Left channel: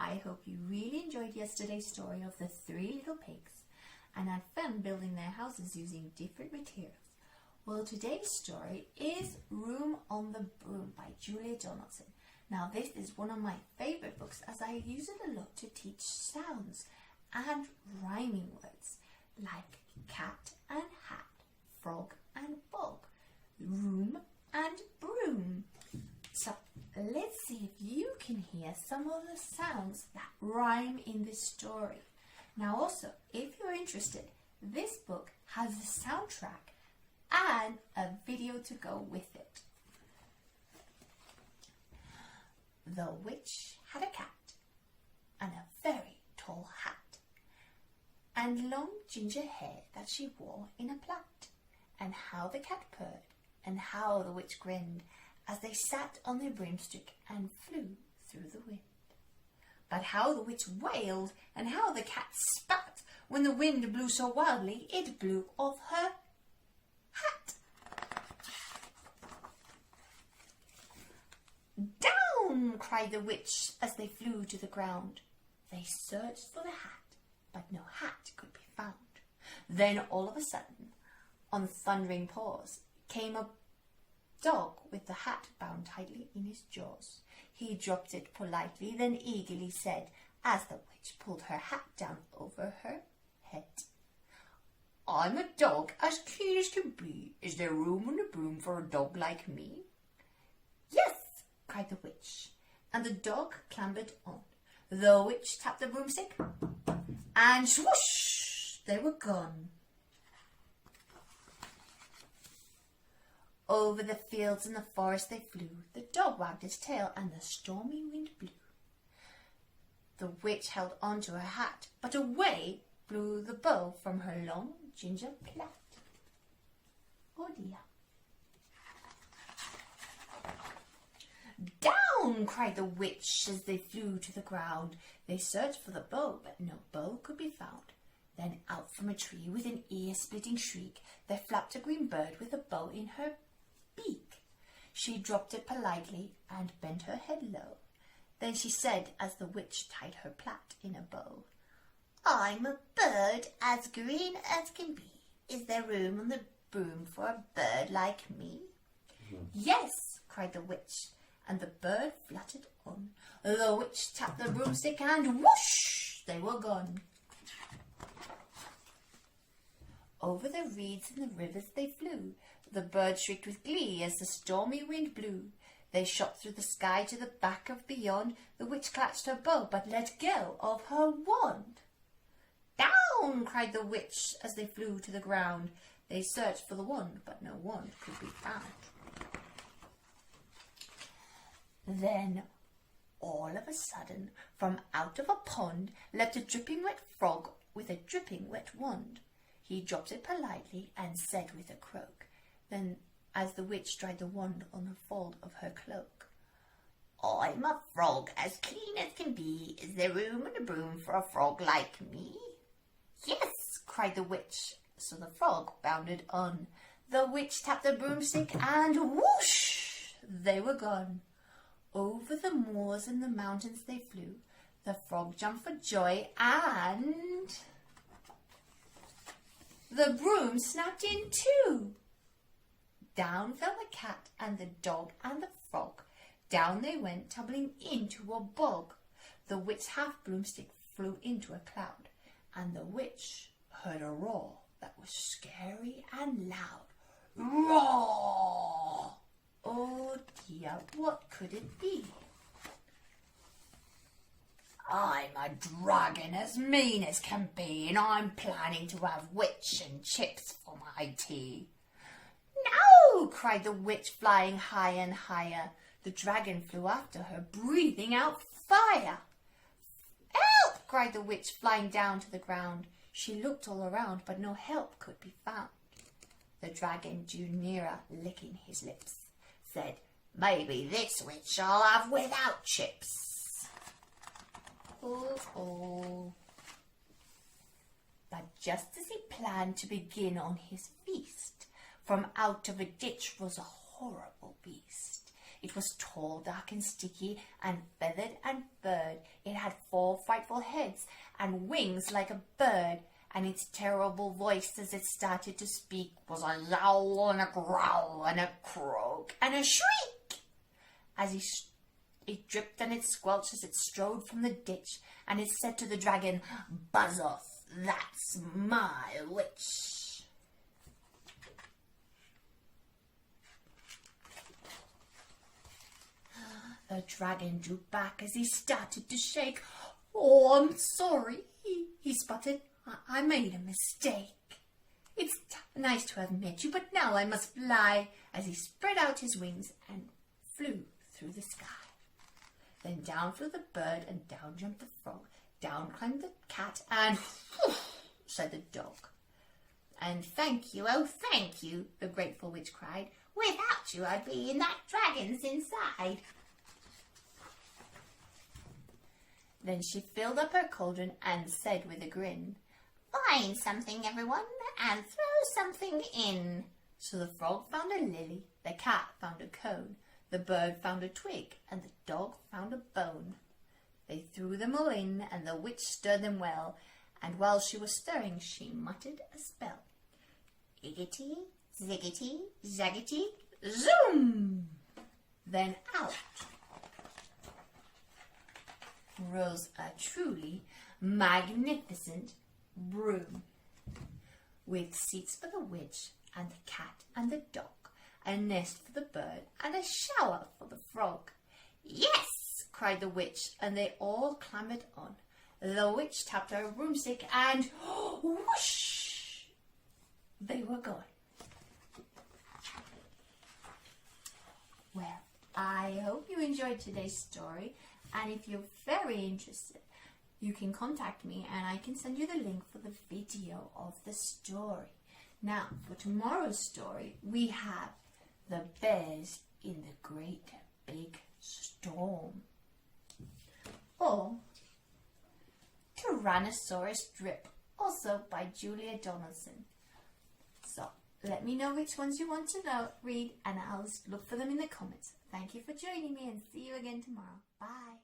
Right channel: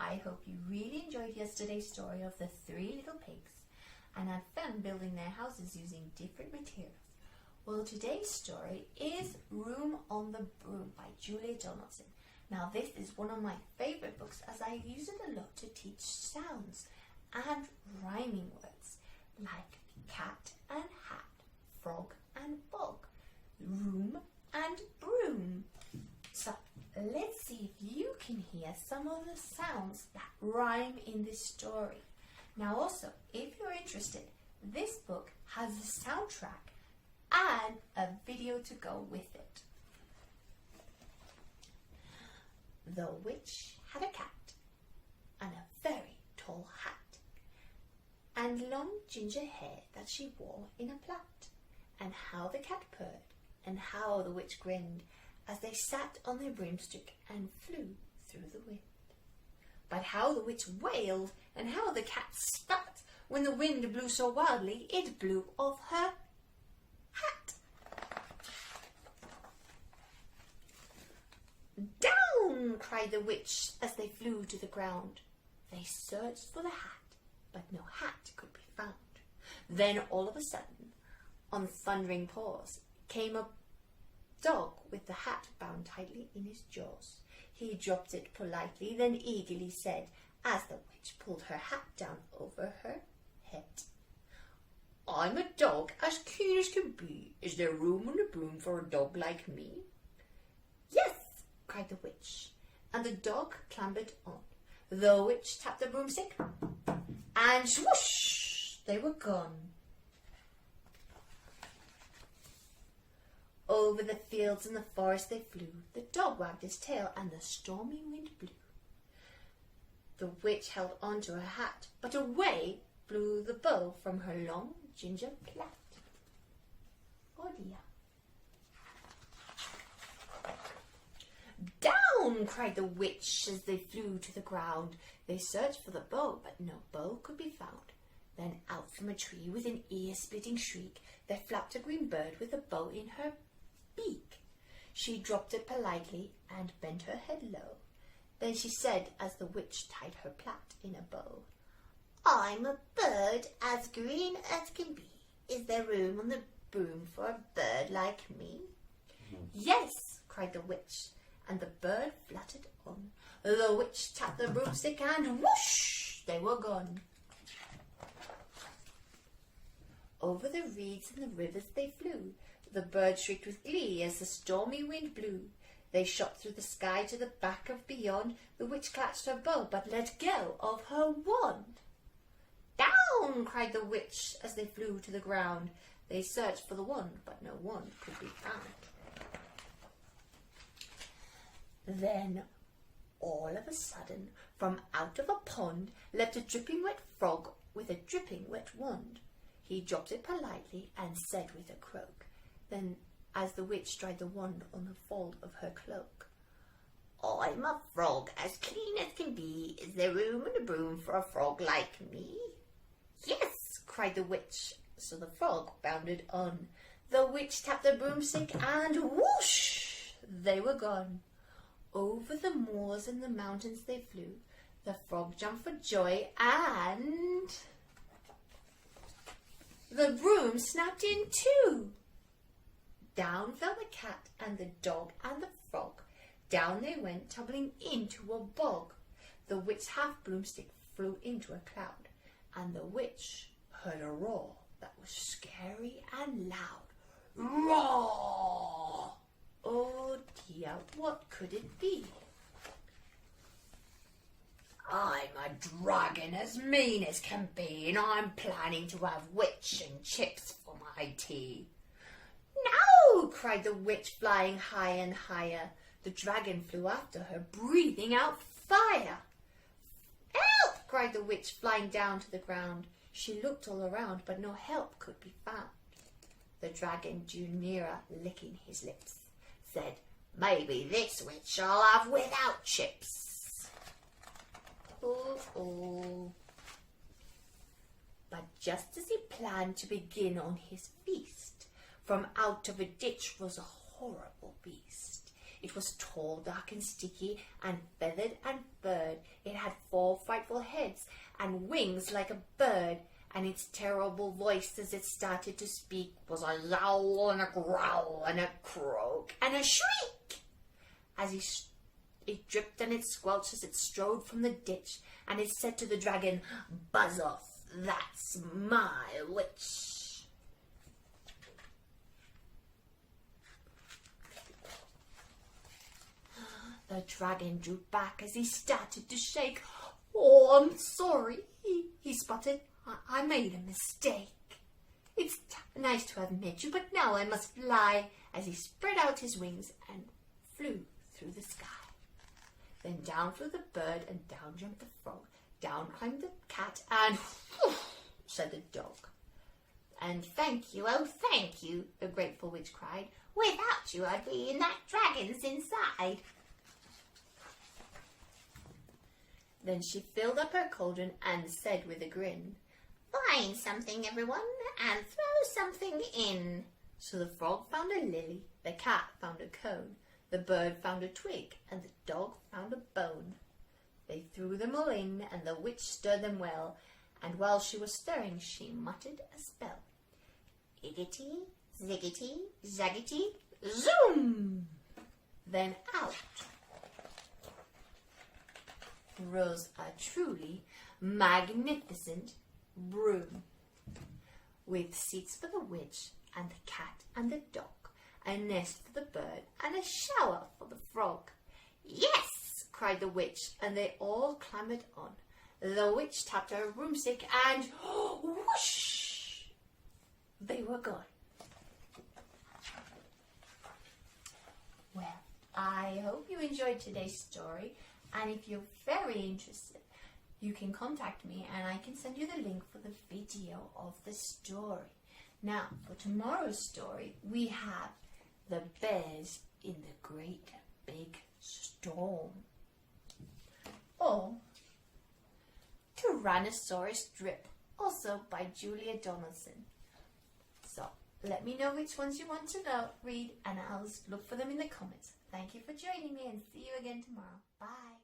I hope you really enjoyed yesterday's story of the 3 little pigs and had fun building their houses using different materials. Well, today's story is Room on the Broom by Julia Donaldson. Now, this is one of my favourite books as I use it a lot to teach sounds and rhyming words like cat and hat, frog and bog, room and broom. So let's see if you can hear some of the sounds that rhyme in this story. Now also, if you're interested, this book has a soundtrack and a video to go with it. The witch had a cat and a very tall hat and long ginger hair that she wore in a plait, and how the cat purred and how the witch grinned as they sat on their broomstick and flew through the wind. But how the witch wailed and how the cat spat when the wind blew so wildly it blew off her hat. Down! Cried the witch as they flew to the ground. They searched for the hat, but no hat could be found. Then all of a sudden, on thundering paws, came a dog with the hat bound tightly in his jaws. He dropped it politely, then eagerly said, as the witch pulled her hat down over her head, "I'm a dog as keen as can be. Is there room on the broom for a dog like me?" "Yes," cried the witch, and the dog clambered on. The witch tapped the broomstick, and swoosh, they were gone. Over the fields and the forest they flew. The dog wagged his tail and the stormy wind blew. The witch held on to her hat, but away blew the bow from her long ginger plait. Oh dear. Down! Cried the witch as they flew to the ground. They searched for the bow, but no bow could be found. Then out from a tree with an ear-splitting shriek there flapped a green bird with a bow in her beak. She dropped it politely and bent her head low. Then she said, as the witch tied her plait in a bow, "I'm a bird as green as can be. Is there room on the broom for a bird like me?" "Yes," cried the witch, and the bird fluttered on. The witch tapped the broomstick and whoosh, they were gone. Over the reeds and the rivers they flew. The bird shrieked with glee as the stormy wind blew. They shot through the sky to the back of beyond. The witch clutched her bow but let go of her wand. Down! Cried the witch as they flew to the ground. They searched for the wand, but no wand could be found. Then, all of a sudden, from out of a pond leapt a dripping wet frog with a dripping wet wand. He dropped it politely and said with a croak, then as the witch dried the wand on the fold of her cloak, "I'm a frog as clean as can be. Is there room in the broom for a frog like me?" "Yes," cried the witch, so the frog bounded on. The witch tapped the broomstick and whoosh, they were gone. Over the moors and the mountains they flew. The frog jumped for joy and the broom snapped in two. Down fell the cat and the dog and the frog. Down they went, tumbling into a bog. The witch's half-broomstick flew into a cloud, and the witch heard a roar that was scary and loud. Roar! Oh dear, what could it be? "I'm a dragon as mean as can be, and I'm planning to have witch and chips for my tea." "No!" cried the witch, flying high and higher. The dragon flew after her, breathing out fire. "Help!" cried the witch, flying down to the ground. She looked all around, but no help could be found. The dragon drew nearer, licking his lips, said, "Maybe this witch I'll have without chips." Oh. But just as he planned to begin on his feast, from out of a ditch rose a horrible beast. It was tall, dark and sticky, and feathered and furred. It had 4 heads and wings like a bird, and its terrible voice as it started to speak was a yowl and a growl and a croak and a shriek. As it dripped and it squelched as it strode from the ditch, and it said to the dragon, "Buzz off, that's my witch." The dragon drew back as he started to shake. "Oh, I'm sorry," he sputtered. I made a mistake. It's nice to have met you, but now I must fly," as he spread out his wings and flew through the sky. Then down flew the bird, and down jumped the frog. Down climbed the cat, and whoosh, said the dog. "And thank you, oh thank you," the grateful witch cried. "Without you I'd be in that dragon's inside." Then she filled up her cauldron and said with a grin, "Find something, everyone, and throw something in." So the frog found a lily, the cat found a cone, the bird found a twig, and the dog found a bone. They threw them all in, and the witch stirred them well, and while she was stirring she muttered a spell. Iggity, ziggity, zaggity, zoom! Then out rose a truly magnificent broom, with seats for the witch and the cat and the dog, a nest for the bird, and a shower for the frog. "Yes!" cried the witch, and they all clambered on. The witch tapped her broomstick, and whoosh! They were gone. Well, I hope you enjoyed today's story, and if you're very interested, you can contact me and I can send you the link for the video of the story. Now, for tomorrow's story, we have the bears in the great big storm, or Tyrannosaurus Drip, also by Julia Donaldson. So let me know which ones you want to read, and I'll look for them in the comments. Thank you for joining me, and see you again tomorrow. Bye.